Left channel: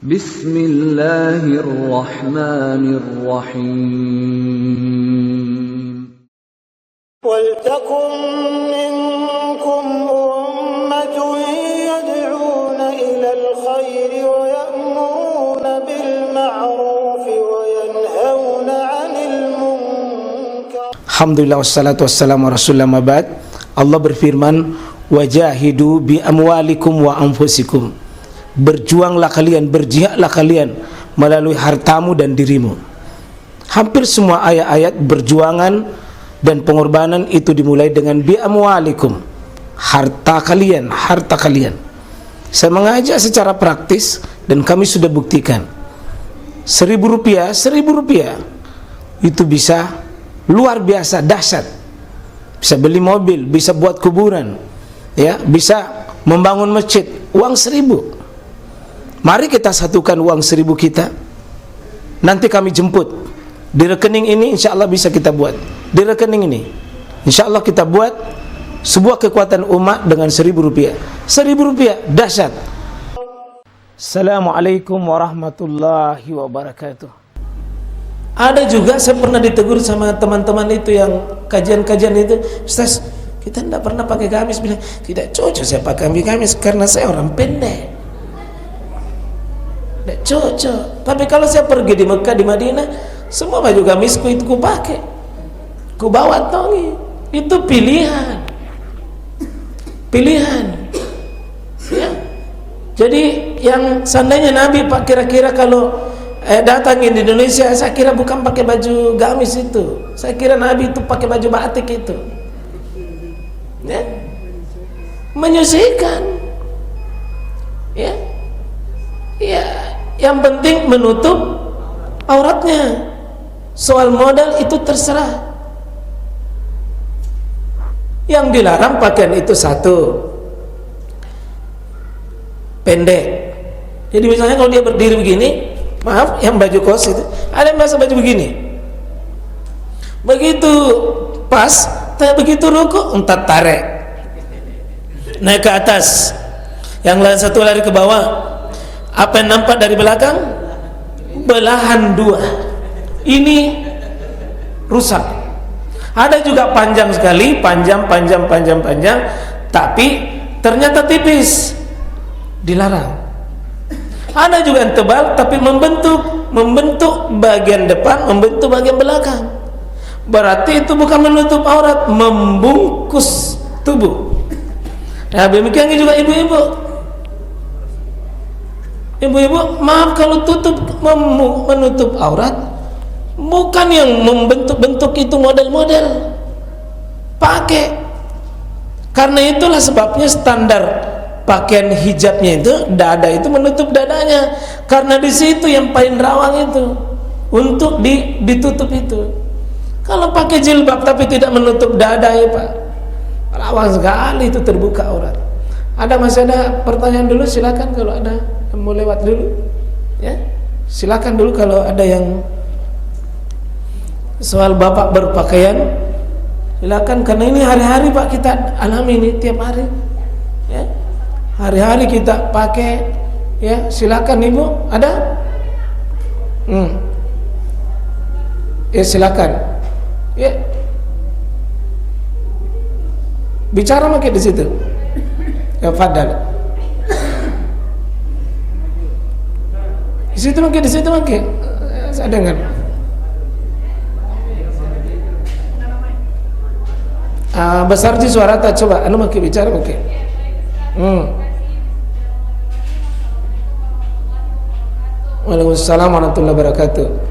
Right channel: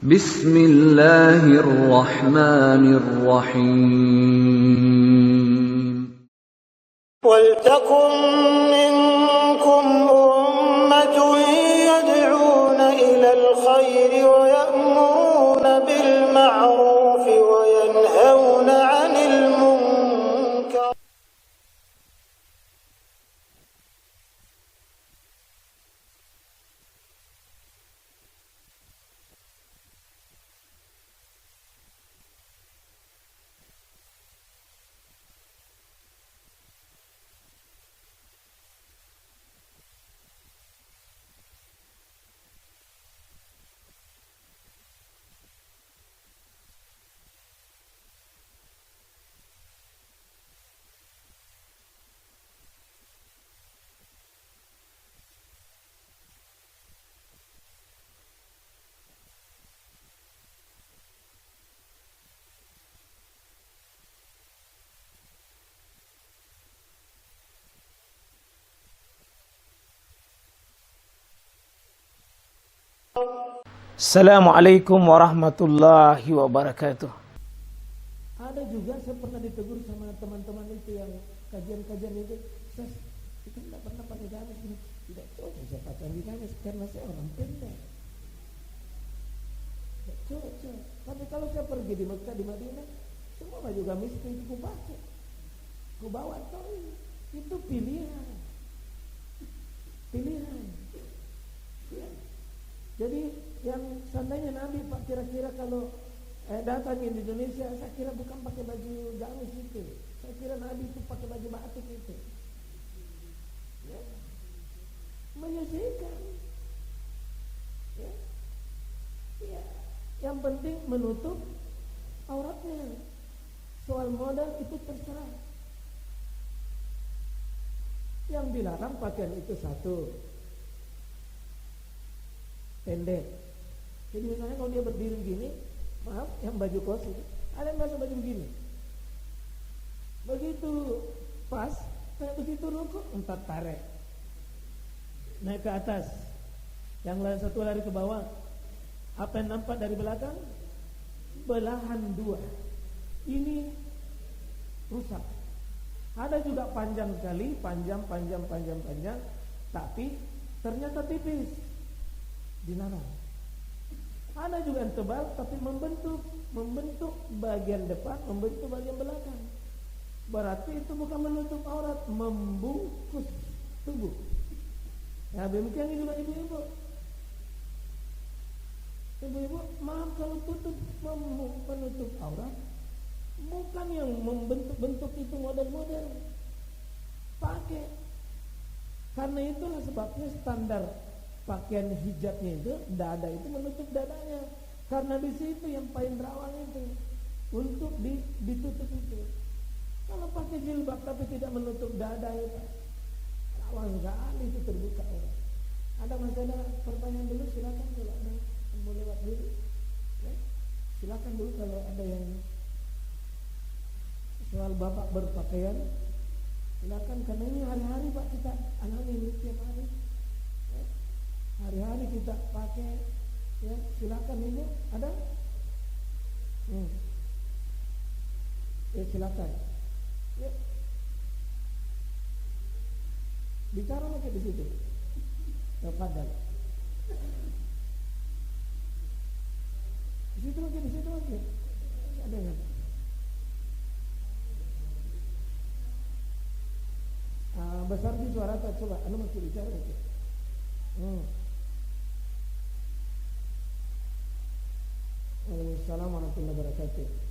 Bismillahirrahmanirrahim. وَلْتَكُنْ مِنْكُمْ أُمَّةٌ يَدْعُونَ إِلَى الْخَيْرِ وَيَأْمُرُونَ بِالْمَعْرُوفِ وَيَنْهَوْنَ عَنِ الْمُنْكَرِ. Alhamdulillah wassalatu wassalamu ala rasulillah mabad. Allah berfirman, wajahidu bi amwalikum wa anfusikum. Berjuanglah kalian, berjihadlah kalian melalui hartamu dan dirimu. Hampir semua ayat-ayat berjuangan dan pengorbanan itu dimulai dengan bi amwalikum, harta kalian, harta kalian. Saya mengajak secara praktis dan kami sudah buktikan. Rp1.000 itu bisa luar biasa dahsyat. Bisa beli mobil, bisa buat kuburan, ya, bisa membangun masjid. Uang 1.000. Mari kita satukan uang 1.000 kita. Nanti kami jemput di rekening ini, insya Allah bisa kita buat. Di rekening ini, insya Allah kita buat sebuah kekuatan umat dengan Rp1.000. Rp1.000 dahsyat. Assalamualaikum warahmatullahi wabarakatuh. Ada juga saya pernah ditegur sama teman-teman itu yang kajian-kajian itu, Ustaz, kita tidak pernah pakai gamis. Bilang, tidak cocok saya pakai gamis karena saya orang pendek. Tidak cocok. Tapi kalau saya pergi di Mekah, di Madinah, semua baju gamisku itu ku pakai, ku bawa tongi. Itu pilihan, pilihan, ya. Jadi yang seandainya Nabi Pak kira-kira kalau datangin di Indonesia, saya kira bukan pakai baju gamis itu. Saya kira Nabi itu pakai baju batik itu, ya, menyisihkan, ya, ya. Yang penting menutup auratnya. Soal modal itu terserah. Yang dilarang pakaian itu satu, pendek. Jadi misalnya kalau dia berdiri begini, maaf, yang baju kos itu, ada yang biasa baju begini. Begitu pas, begitu ruku, entar tarik, naik ke atas. Yang lain satu lari ke bawah. Apa yang nampak dari belakang? Belahan dua. Ini rusak. Ada juga panjang sekali, panjang, tapi ternyata tipis, dilarang. Ada juga yang tebal tapi membentuk bagian depan, membentuk bagian belakang. Berarti itu bukan menutup aurat, membungkus tubuh. Nah, demikian juga ibu-ibu. Ibu-ibu, maaf kalau menutup aurat, bukan yang membentuk-bentuk itu model-model. Pakai. Karena itulah sebabnya standar pakaian hijabnya itu, dada itu menutup dadanya. Karena di situ yang paling rawan itu untuk ditutup itu. Kalau pakai jilbab tapi tidak menutup dada, ya Pak, rawan sekali itu terbuka aurat. Masih ada pertanyaan dulu, silakan kalau ada yang mau lewat dulu, ya, silakan dulu kalau ada yang soal bapak berpakaian, silakan, karena ini hari-hari Pak kita alami ini tiap hari, ya, hari-hari kita pakai, ya, silakan ibu, ada, ya silakan, ya, bicara makin di situ, ya, fadal. Di situ makin, saya dengar. Besar di suara tak, coba makin bicara makin. Waalaikumsalam warahmatullahi wabarakatuh.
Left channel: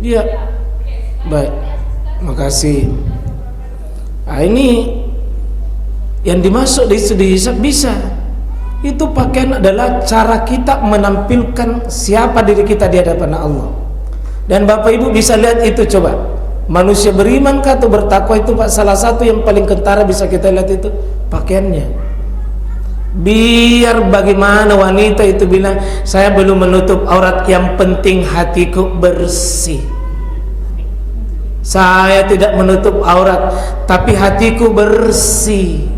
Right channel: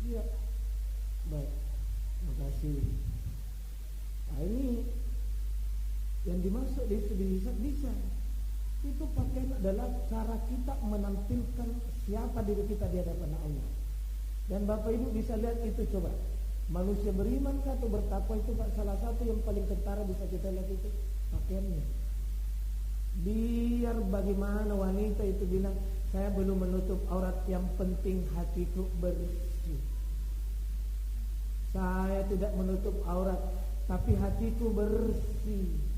Iya. Baik. Makasih. Nah, ini yang dimasuk di hisab bisa. Itu pakaian adalah cara kita menampilkan siapa diri kita di hadapan Allah. Dan Bapak Ibu bisa lihat itu, coba. Manusia beriman kah atau bertakwa itu Pak, salah satu yang paling kentara bisa kita lihat itu pakaiannya. Biar bagaimana wanita itu bilang, saya belum menutup aurat, yang penting hatiku bersih. Saya tidak menutup aurat, tapi hatiku bersih.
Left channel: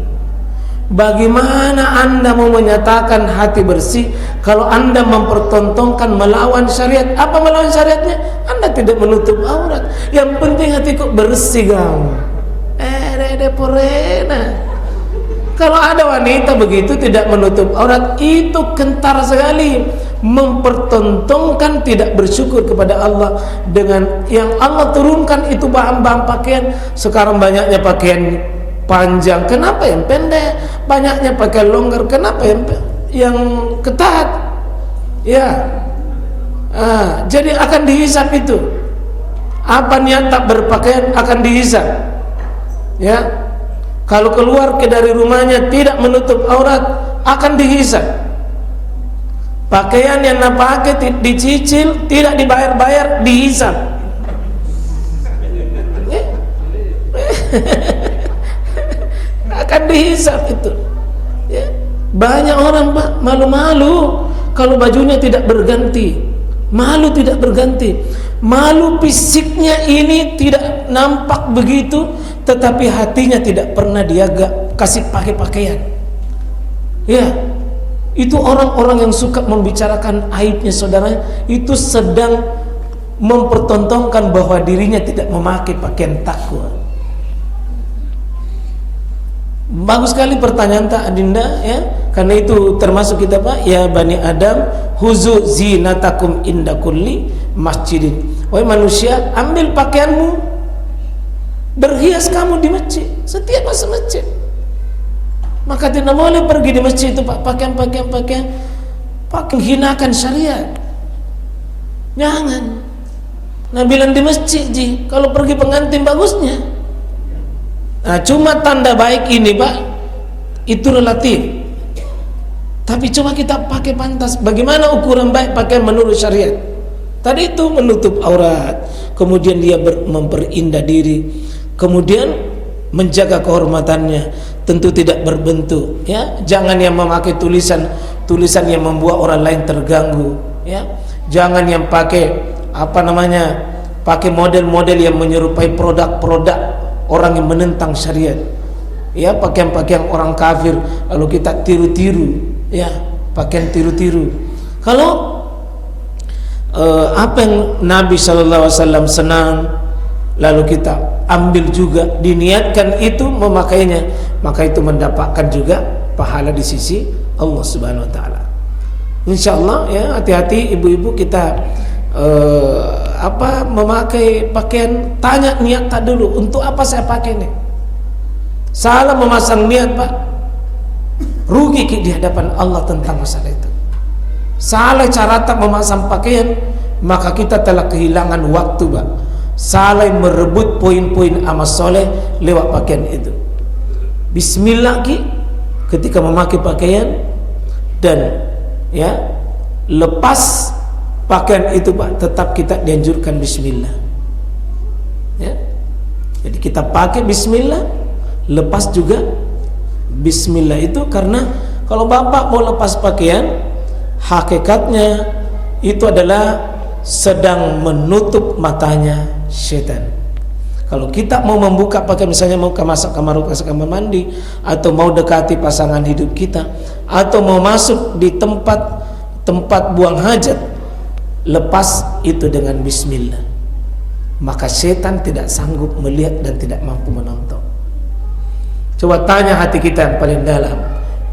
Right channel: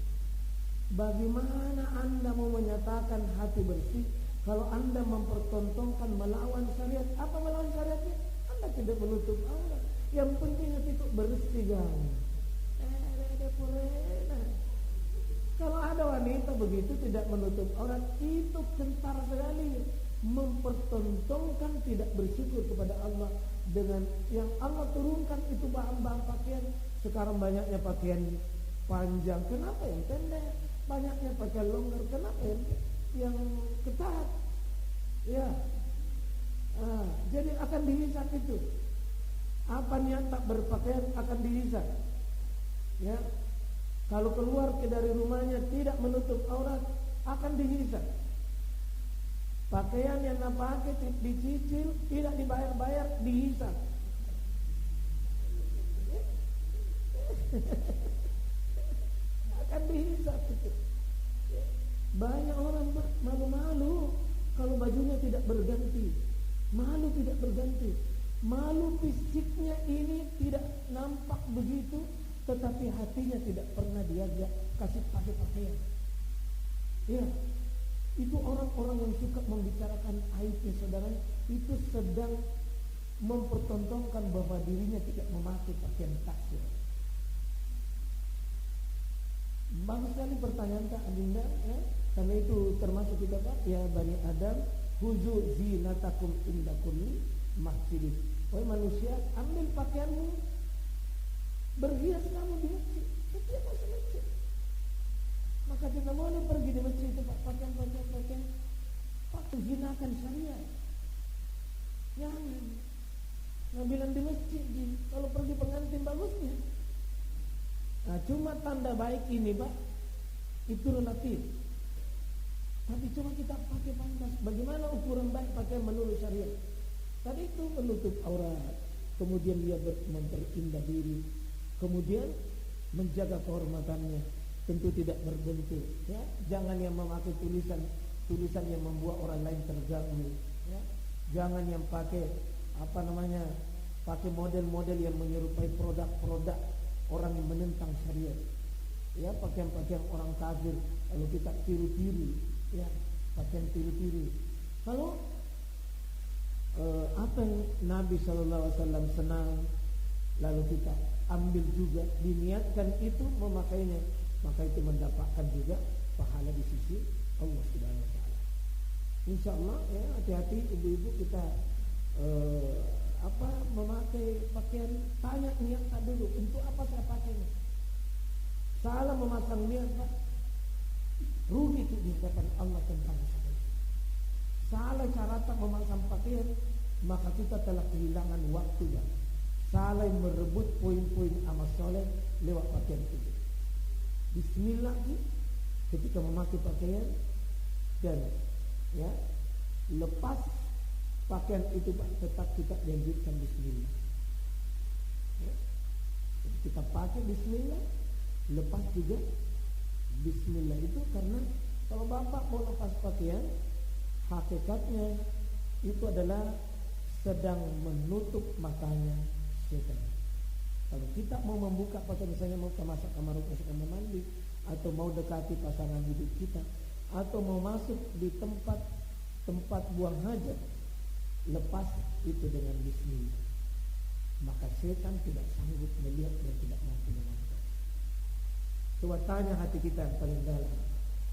Bagaimana Anda mau menyatakan hati bersih kalau Anda mempertontonkan melawan syariat? Apa melawan syariatnya? Anda tidak menutup aurat. Yang penting hatiku bersih kamu. Porena. Kalau ada wanita begitu tidak menutup aurat, itu kentara sekali, mempertontonkan tidak bersyukur kepada Allah dengan yang Allah turunkan itu bahan-bahan pakaian. Sekarang banyaknya pakaian panjang, kenapa yang pendek? Banyaknya pakai longgar, kenapa yang ketat? Ya, jadi akan dihisab itu. Apa niat tak berpakaian akan dihisab. Ya, kalau keluar dari rumahnya tidak menutup aurat akan dihisab. Pakaian yang nak pakai dicicil, tidak dibayar-bayar, dihisab. Akan dihisab itu. Ya. Banyak orang Pak malu-malu kalau bajunya tidak berganti, malu tidak berganti, malu fisiknya ini tidak nampak begitu, tetapi hatinya tidak pernah dia kasih pakai pakaian. Ya, itu orang-orang yang suka membicarakan aibnya saudaranya, itu sedang mempertontonkan bahwa dirinya tidak memakai pakaian takwa. Bagus sekali pertanyaan tak Adinda, ya. Karena itu termasuk kita Pak, ya Bani Adam, huzu zinatakum inda kulli masjidin. Wahai manusia, ambil pakaianmu, berhias kamu di masjid, setiap masuk masjid. Maka tidak boleh pergi di masjid itu Pak pakaian menghinakan syariat. Jangan. Nah, bilang di masjid ji, kalau pergi pengantin bagusnya. Nah, cuma tanda baik ini Pak, itu relatif. Tapi coba kita pakai pantas. Bagaimana ukuran baik pakaian menurut syariat? Tadi itu menutup aurat, kemudian dia memperindah diri, kemudian menjaga kehormatannya, tentu tidak berbentuk. Ya, jangan yang memakai tulisan yang membuat orang lain terganggu. Ya, jangan yang pakai pakai model-model yang menyerupai produk-produk orang yang menentang syariat. Ya, pakaian-pakaian orang kafir lalu kita tiru-tiru, ya, pakaian tiru-tiru. Kalau apa yang Nabi SAW senang lalu kita ambil juga, diniatkan itu memakainya, maka itu mendapatkan juga pahala di sisi Allah Subhanahu wa taala. Insyaallah ya, hati-hati ibu-ibu kita memakai pakaian, tanya niat tak dulu, untuk apa saya pakai ini. Salah memasang niat Pak, rugi di hadapan Allah tentang masalah itu. Salah cara tak memasang pakaian, maka kita telah kehilangan waktu Pak. Salah merebut poin-poin amal soleh lewat pakaian itu. Bismillah ketika memakai pakaian, dan ya lepas pakaian itu Pak, tetap kita dianjurkan bismillah. Ya. Jadi kita pakai bismillah, lepas juga bismillah. Itu karena kalau Bapak mau lepas pakaian, hakikatnya itu adalah sedang menutup matanya setan. Kalau kita mau membuka pakaian, misalnya mau ke kamar mandi, atau mau dekati pasangan hidup kita, atau mau masuk di tempat buang hajat, lepas itu dengan bismillah, maka setan tidak sanggup melihat dan tidak mampu menonton. Coba tanya hati kita yang paling dalam,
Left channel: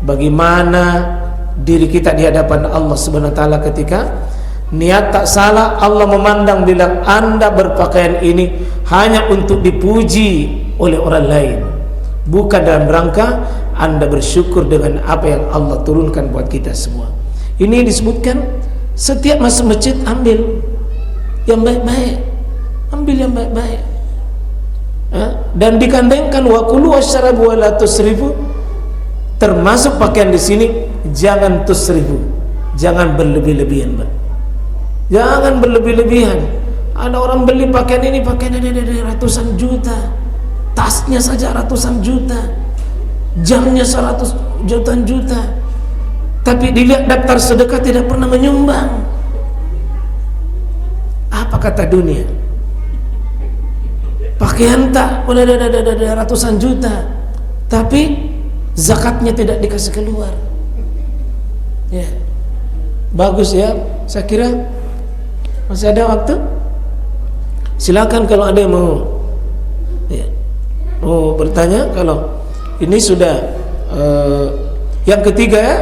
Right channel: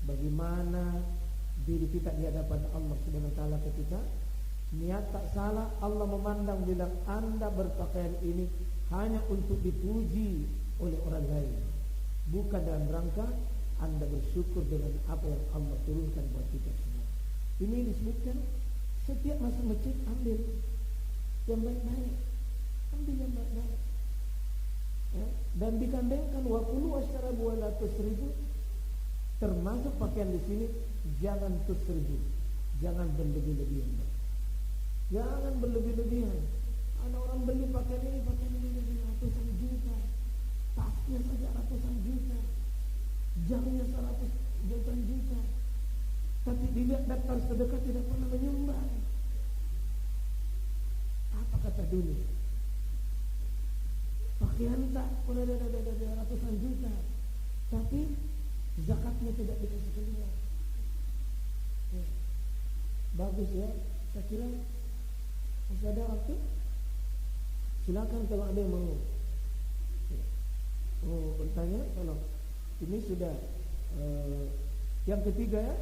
bagaimana diri kita di hadapan Allah Subhanahu wa taala ketika niat tak salah. Allah memandang bilang, Anda berpakaian ini hanya untuk dipuji oleh orang lain, bukan dalam rangka Anda bersyukur dengan apa yang Allah turunkan buat kita semua. Ini disebutkan setiap masuk masjid ambil yang baik-baik. Ambil yang baik-baik. Dan dikandengkan wa kulu wasyrabu wa la tusrifu. Termasuk pakaian di sini jangan tusrifu, jangan berlebih-lebihan, Pak. Jangan berlebih-lebihan. Ada orang beli pakaian ini ratusan juta, tasnya saja ratusan juta, jamnya 100 jutaan juta, tapi dilihat daftar sedekah tidak pernah menyumbang. Apa kata dunia? Pakaian tak boleh ada ratusan juta, tapi zakatnya tidak dikasih keluar. Ya, bagus ya. Saya kira masih ada waktu. Silakan kalau ada yang mau, ya, mau bertanya. Kalau ini sudah yang ketiga ya.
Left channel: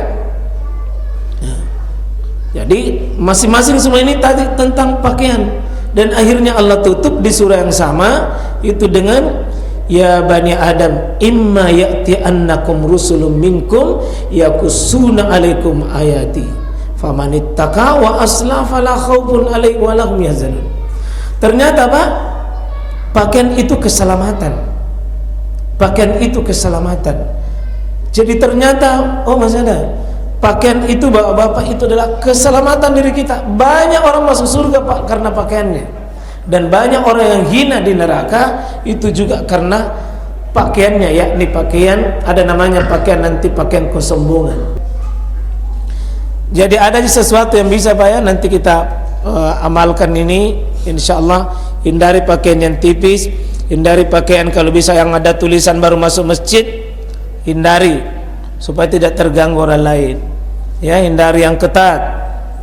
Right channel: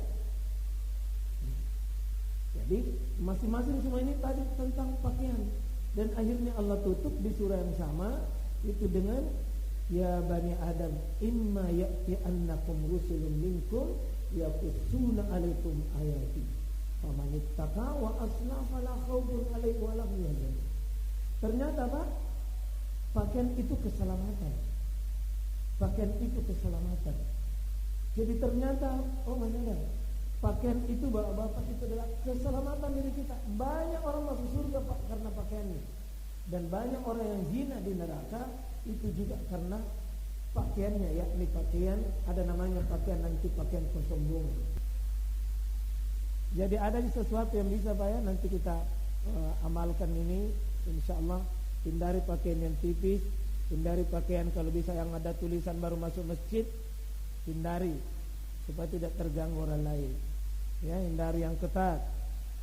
Jadi masing-masing semua ini tadi tentang pakaian, dan akhirnya Allah tutup di surah yang sama itu dengan ya bani Adam imma ya'ti'annakum rusulun minkum yaqussuna 'alaikum ayati famanittaqa wa aslaha fala khaufun 'alaihim wa lahum yahzanun. Ternyata Pak, pakaian itu keselamatan. Pakaian itu keselamatan. Jadi ternyata Mas ada, pakaian itu Bapak-bapak itu adalah keselamatan diri kita. Banyak orang masuk surga Pak karena pakaiannya. Dan banyak orang yang hina di neraka itu juga karena pakaiannya, yakni pakaian, ada namanya pakaian nanti pakaian kesombongan. Jadi ada sesuatu yang bisa Pak ya, nanti kita amalkan ini insyaallah. Hindari pakaian yang tipis, hindari pakaian kalau bisa yang ada tulisan baru masuk masjid, hindari supaya tidak terganggu orang lain. Ya, hindari yang ketat.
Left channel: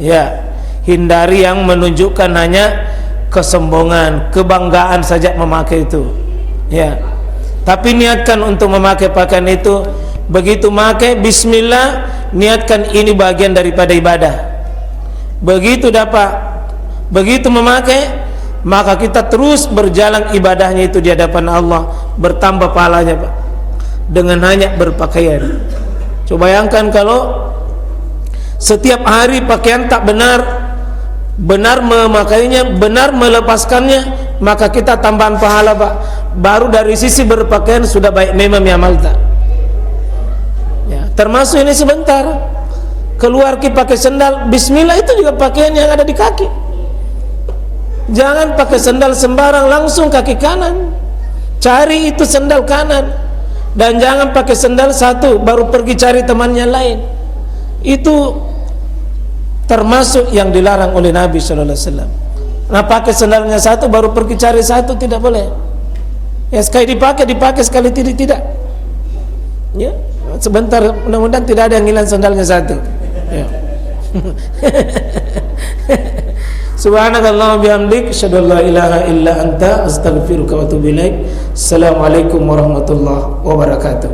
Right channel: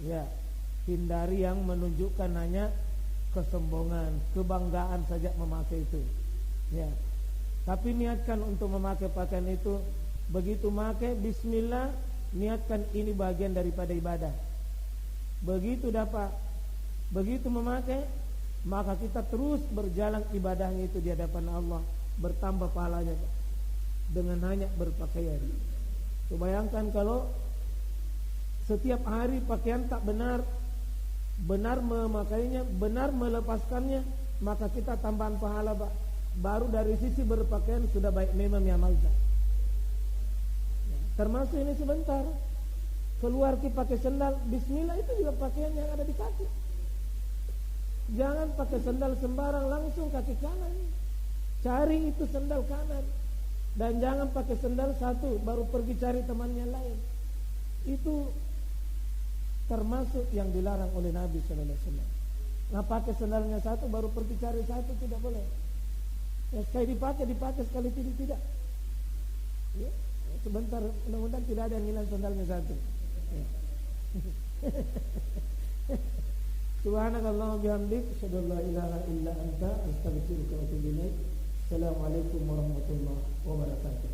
Ya, hindari yang menunjukkan hanya kesombongan, kebanggaan saja memakai itu. Ya. Tapi niatkan untuk memakai pakaian itu, begitu memakai bismillah, niatkan ini bagian daripada ibadah. Begitu begitu memakai, maka kita terus berjalan ibadahnya itu di hadapan Allah, bertambah pahalanya Pak, dengan hanya berpakaian. Coba bayangkan kalau setiap hari pakaian tak benar memakainya, benar melepaskannya, maka kita tambahan pahala Pak. Baru dari sisi berpakaian sudah baik memang amal tak. Ya, termasuk ini sebentar keluar pakai sendal, bismillah, itu juga pakaian yang ada di kaki. Jangan pakai sendal sembarang, langsung kaki kanan. Cari itu sendal kanan. Dan jangan pakai sendal satu baru pergi cari temannya lain. Itu termasuk yang dilarang oleh Nabi sallallahu alaihi wasallam. Nah, pakai sendalnya satu baru pergi cari satu, tidak boleh. Ya, sekali dipakai sekali tidak. Ya, sebentar, mudah-mudahan tidak ada yang hilang sandalnya satu. Ya. Subhanakallahumma bihamdik, asyhadu an la ilaha illa anta, astaghfiruka wa atubu ilaik. Assalamualaikum warahmatullahi wabarakatuh.